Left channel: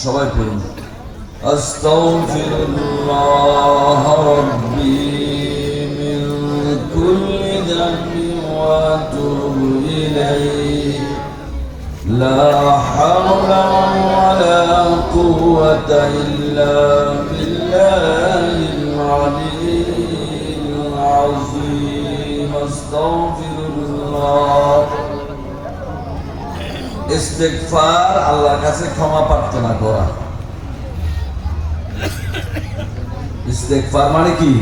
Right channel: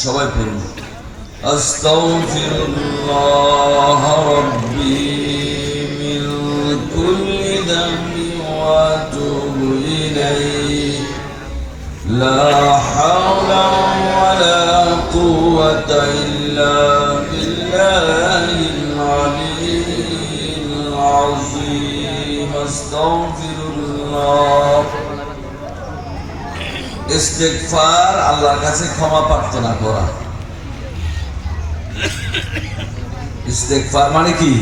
সবাই পড়ুন আস্তাগফিরুল্লাহ রাব্বি মিন কুল্লি যামবি ওয়া আতুবু ইলাইহি লা হাওলা ওয়ালা কুওয়াতা ইল্লা বিল্লাহিল আলিয়্যিল আযীম আস্তাগফিরুল্লাহ। ইস্তেগফার আল্লাহর কাছে ক্ষমা প্রার্থনা করা। ইস্তেগফার মানে কি?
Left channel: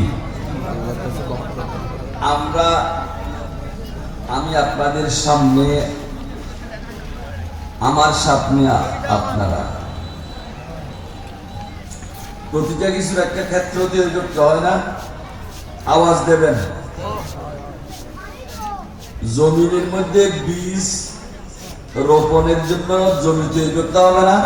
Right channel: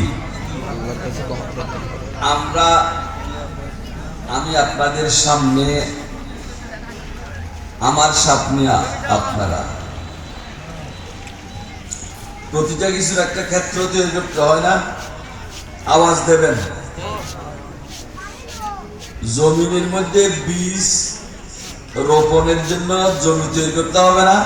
আমি আপনাদের সামনে, আমার সামনে আপনারা প্রতিটা কিছুর একটা ক্ষেত্র তৈরি করতে হয় না? আওয়াজ দেবেন। জমিনের মধ্যে বীজ রোপণের জন্য জমি তৈরি করতে হবে না?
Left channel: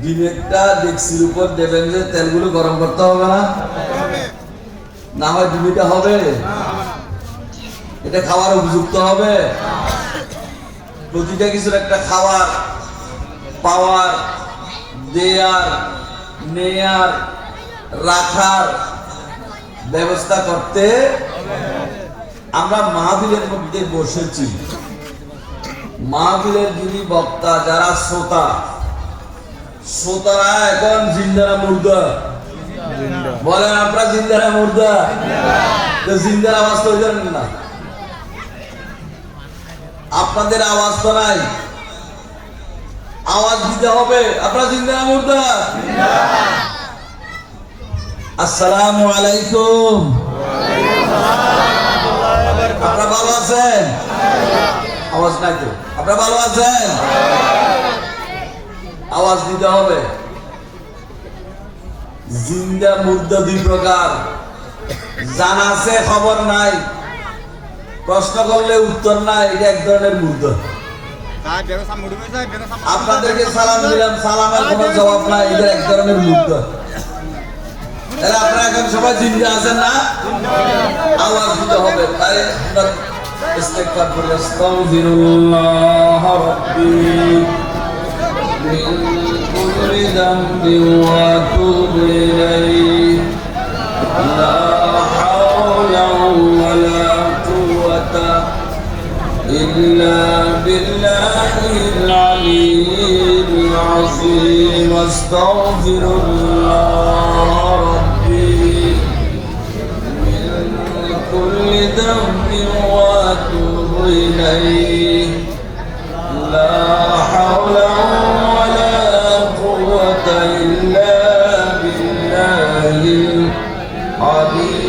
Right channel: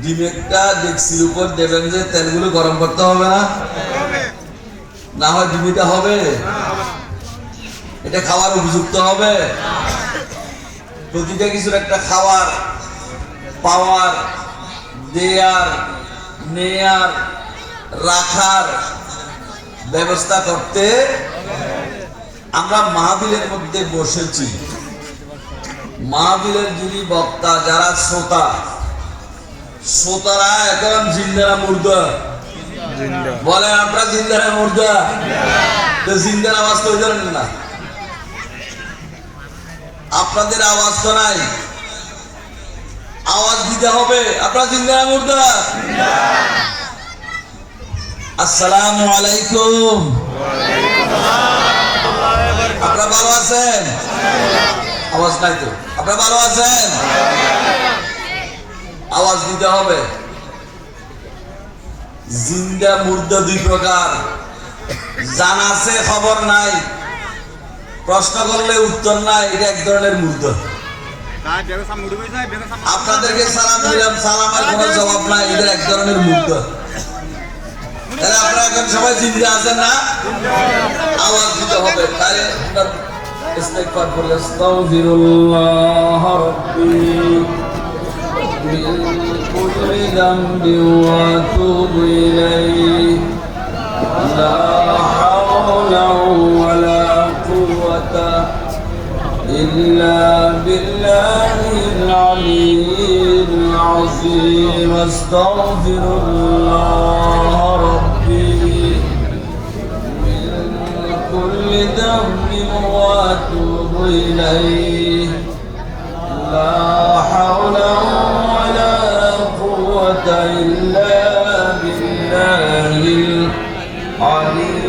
ডিমেরটা ডেক্সির উপর দেবেন যে তেলগুলো গরম করতে হবে না? না হয় ডিমিটা হবে? এটা খাওয়ার উপযুক্ত হবে? প্রতিটা কিছুর একটা খাওয়ার, পাওয়ার, দেয়ার, নেয়ার, রাখার ব্যবস্থা করতে আমরা মাহফিলের মধ্যে বসেছি। মাহফিলের যিনি বক্তা, যারা শ্রোতারা এখন জিন্দারা মুর্দা বলেন, আপনারা জিন্দারা মুর্দা, জিন্দার আওয়াজ তো জানেন না, আপনাদের আওয়াজ তো নাই, আওয়াজ দিতে হবে। আপনারা জিন্দারা মুর্দা। আসসালামু আলাইকুম। আপনারা ভালো আছেন? আওয়াজ নাই তো। আপনারা ভালো আছেন? আওয়াজ দিতে হবে। জিন্দা মুর্দা দুই প্রকার, জানা আছে খবর নাই, প্রশ্ন করলে উত্তর নাই, এটা এক ধরনের মুর্দা। আপনাদেরকে সালাম দিলাম, সালামের কোনো জবাব নাই, এটা এক ধরনের মুর্দা। তাহলে আপনারা এখন সবাই জিন্দা আছেন না? আওয়াজ দিতে হবে। তাহলে আমরা ইস্তেগফার করি। আস্তাগফিরুল্লাহ রাব্বি মিন কুল্লি যামবি ওয়া আতুবু ইলাইহি লা হাওলা ওয়ালা কুওয়াতা ইল্লা বিল্লাহিল আলিয়্যিল আযীম আস্তাগফিরুল্লাহ রাব্বি كل ذنب واتوب اليه لا حول ولا قوه الا بالله العلي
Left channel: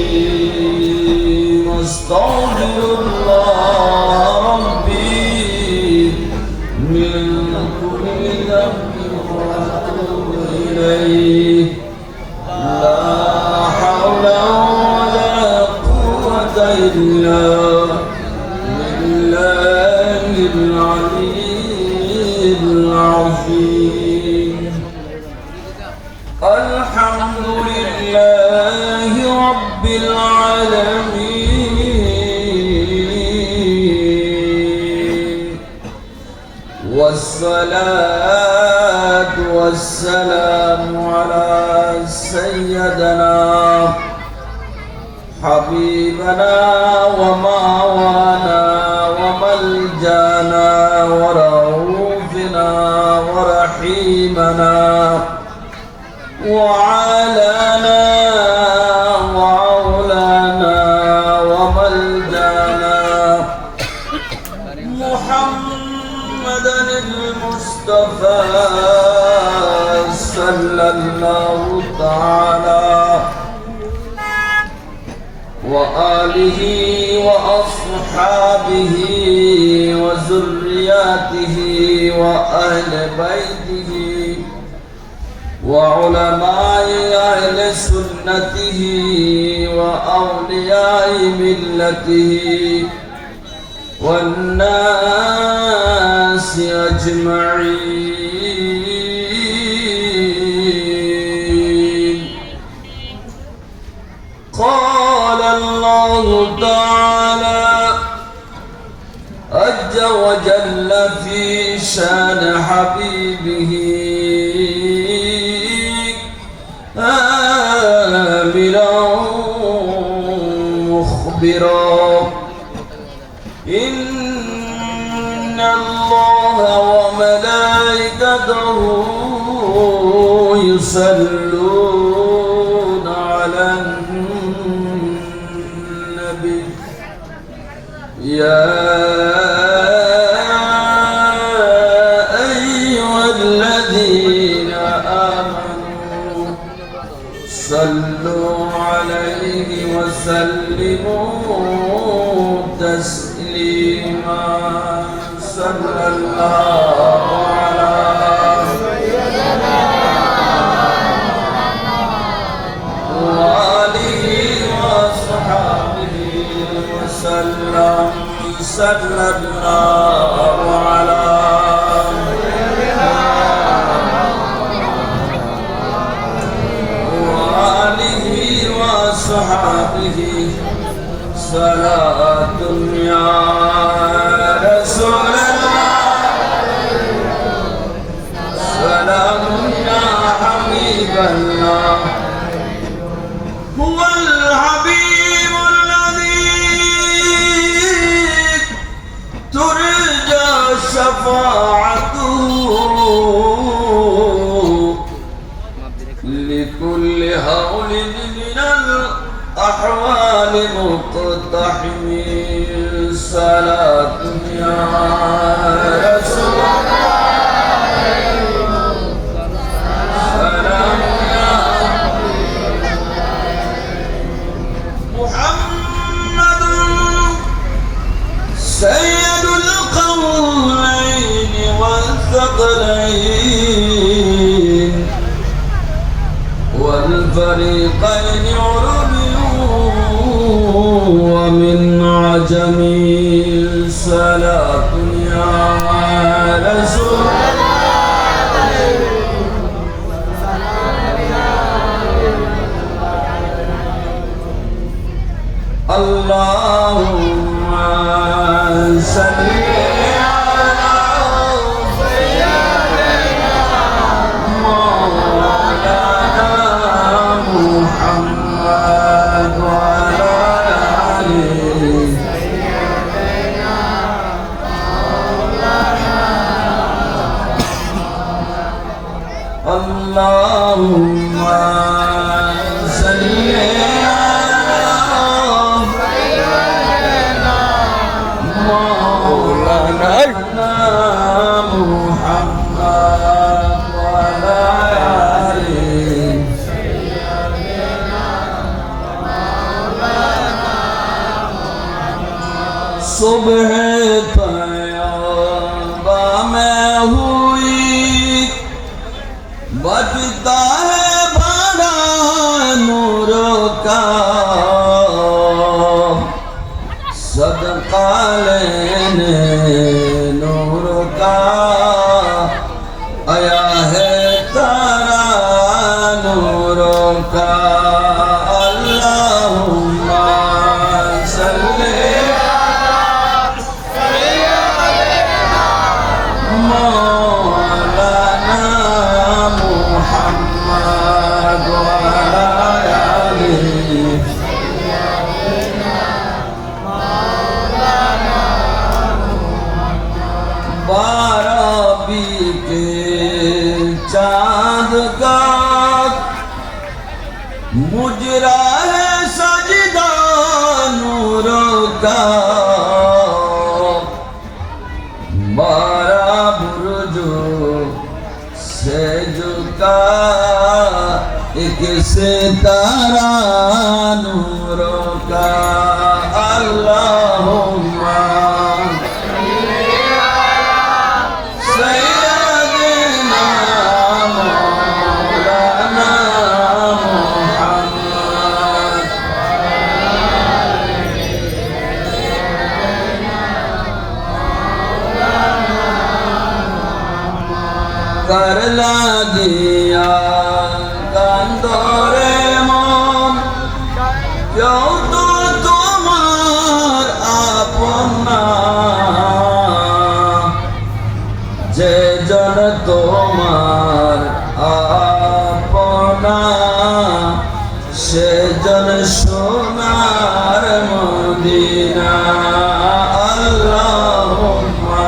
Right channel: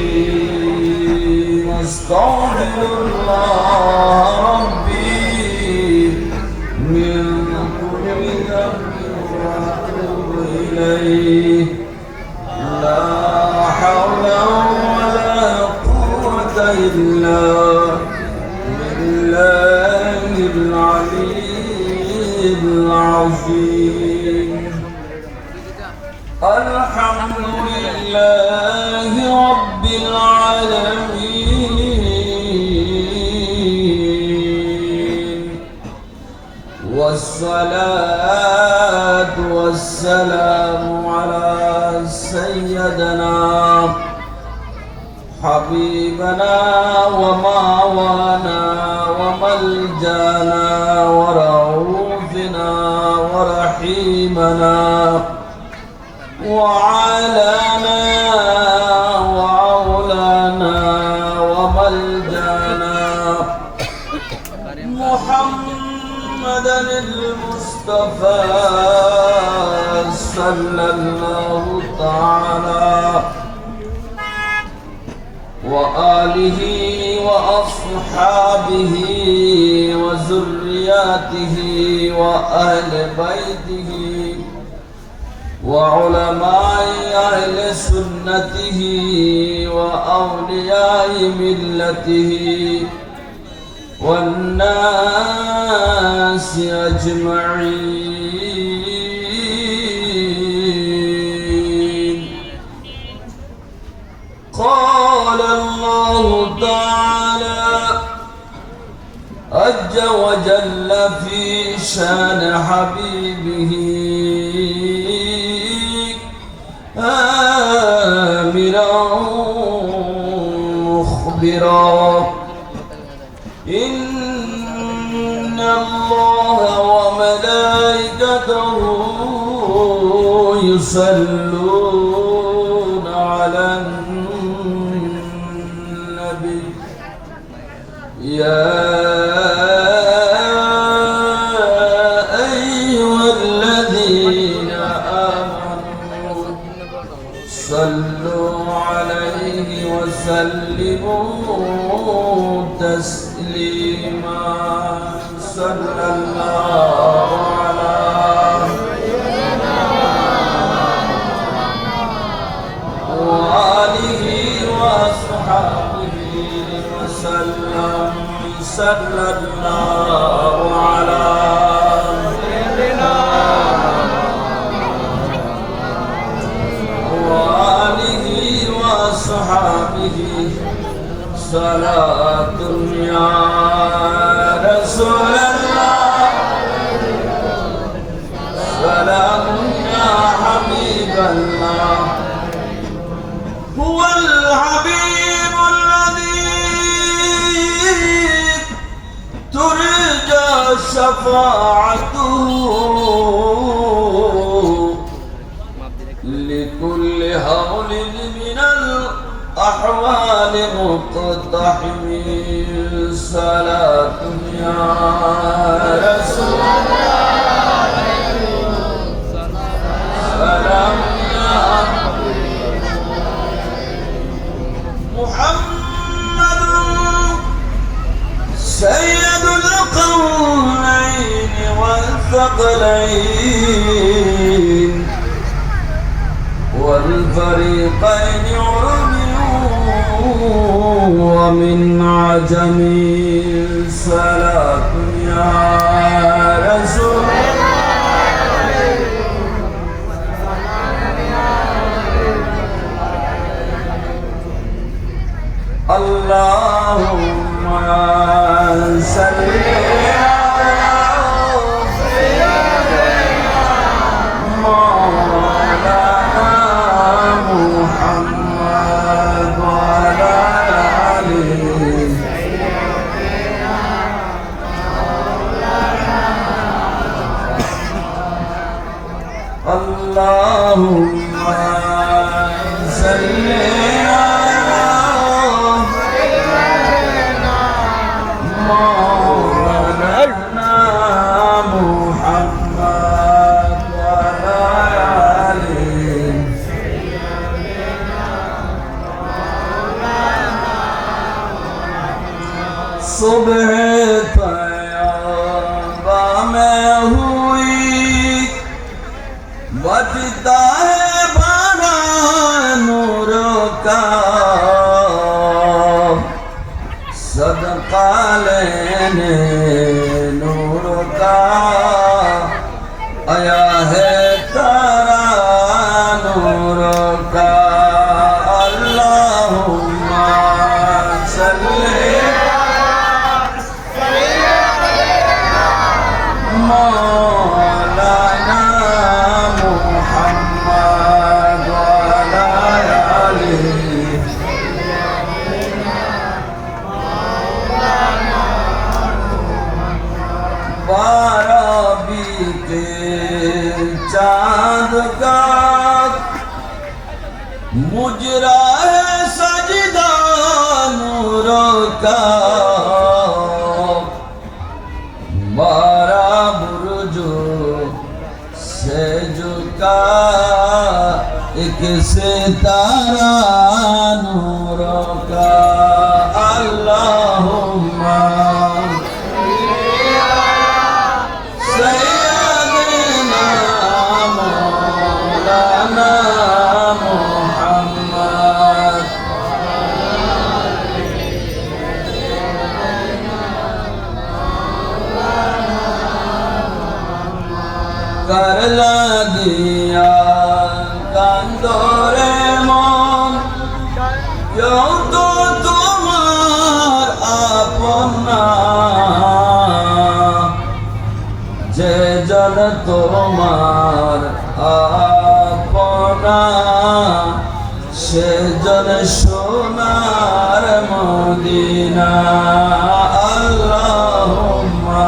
العظيم استغفر الله ربي من كل ذنب واتوب اليه لا حول ولا قوة إلا بالله العلي العظيم الحمد لله رب العالمين والصلاة والسلام على سيدنا حبيبنا وماوانا وملجانا ورؤوفنا ورحيمنا وعالانا وعولانا وملجانا محمدا المصطفى صلى الله تعالى وآله وأصحابه وذرياته وأهل بيته وعلماء أهل سنته وأولياء ملته والناس أجمعين. قال الله تعالى عز وجل في شان حبيبه آمرا مخبرا إن الله وملائكته يصلون على النبي يا أيها الذين آمنوا صلوا عليه وسلموا تسليما صلى الله على وآله وصحبه وسلم صلى الله على وآله وصحبه صلاة يا رسول الله سلام يا حبيب الله هو الحبيب الذي ترجى شفاعته لكل هول من الأحوال مقتحم صلاة يا رسول الله سلام يا محمد سيد القولين والثقلين والفريقين عربي ومن عجم صلاة يا رسول اللهم صل على مولانا محمد وعلى آله اللهم صل مولانا محمد وعلى آله صبح तयबा में हुई बजता है बड़ा नूर का सदका लेने नूर का आया है तारा नूर का अल्लाहुम्मा सल्ली मौलाना मुहम्मद वाला आलिही बारबी के चांद का मुजरा है सजदा नूर का बारह बुर्जो से झुका एक सितारा नूर का अल्लाहुम्मा सय्यदना मौलाना मुहम्मद कर লাগিয়া কান্দরে মন কেউ তো তোমার আপন না উজ্জ্বল সোনার মদিনা আল্লাহুম্মা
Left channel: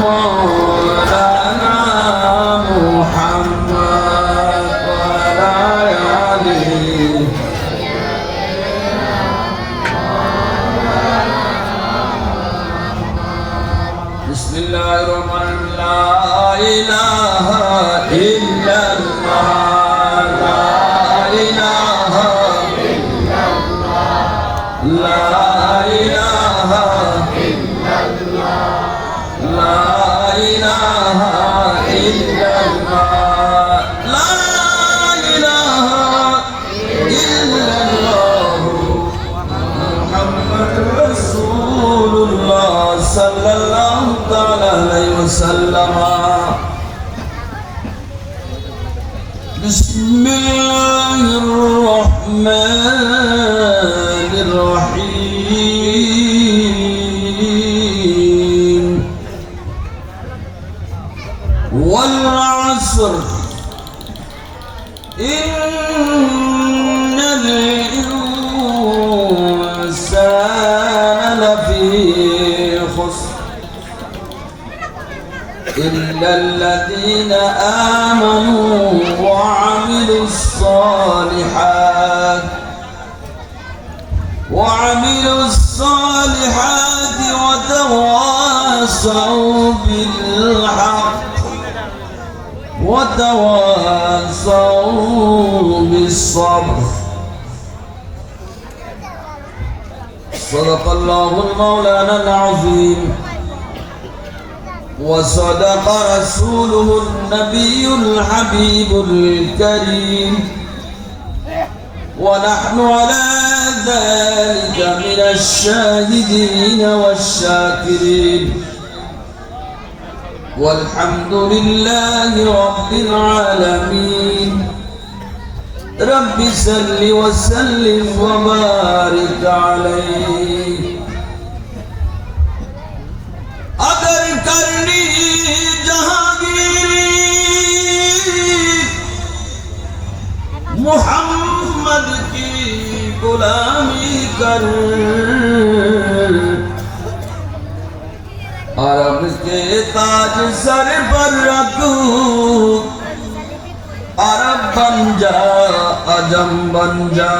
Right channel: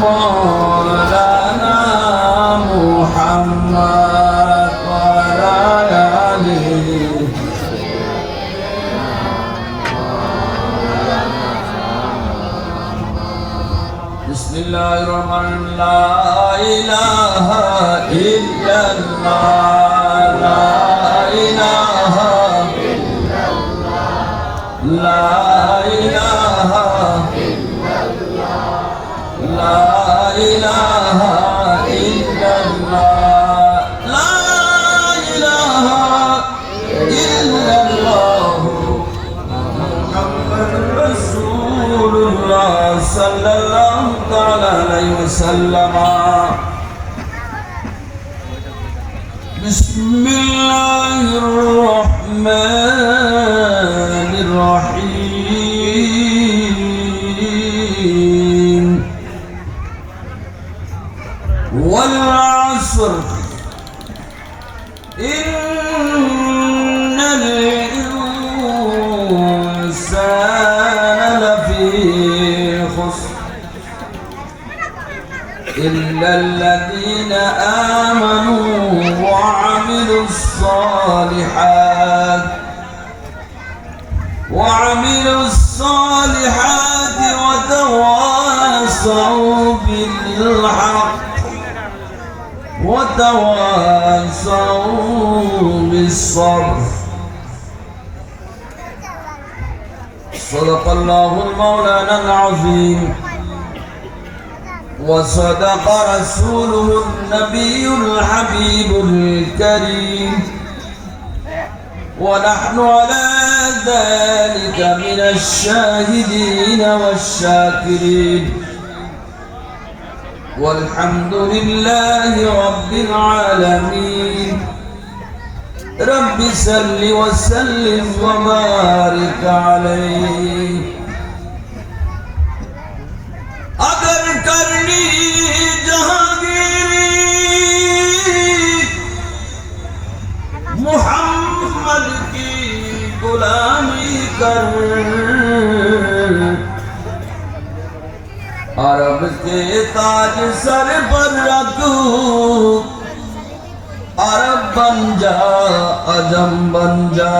মাওলানা মুহাম্মদ ওয়া আলা আলিহি বিসমিল্লাহির রহমানির রহিম লা ইলাহা ইল্লাল্লাহ লা ইলাহা ইল্লাল্লাহ লা ইলাহা লা ইলাহা ইল্লাল্লাহ লা ইলাহা ইল্লাল্লাহ মুহাম্মাদুর রাসূলুল্লাহ সাল্লাল্লাহু তাআলা আলাইহি ওয়াসাল্লাম বিসমিল্লাহির রহমানির রহিম ওয়াল আসর ইন্নাল ইনসানা লাফি খুসর إلا الذين آمنوا وعملوا الصالحات وتواصوا بالحق وتواصوا بالصبر صدق الله المولانا العظيم وصدق رسوله النبي الحبيب الكريم ونحن على ذلك من الشاهدين والشاكرين والحمد لله رب العالمين رب صل وسلم وبارك عليه अगर करनी जहांगीरी मोहम्मद की गुलामी कर अरब के ताज सर पर रखू अरब बन जा अजम बन जा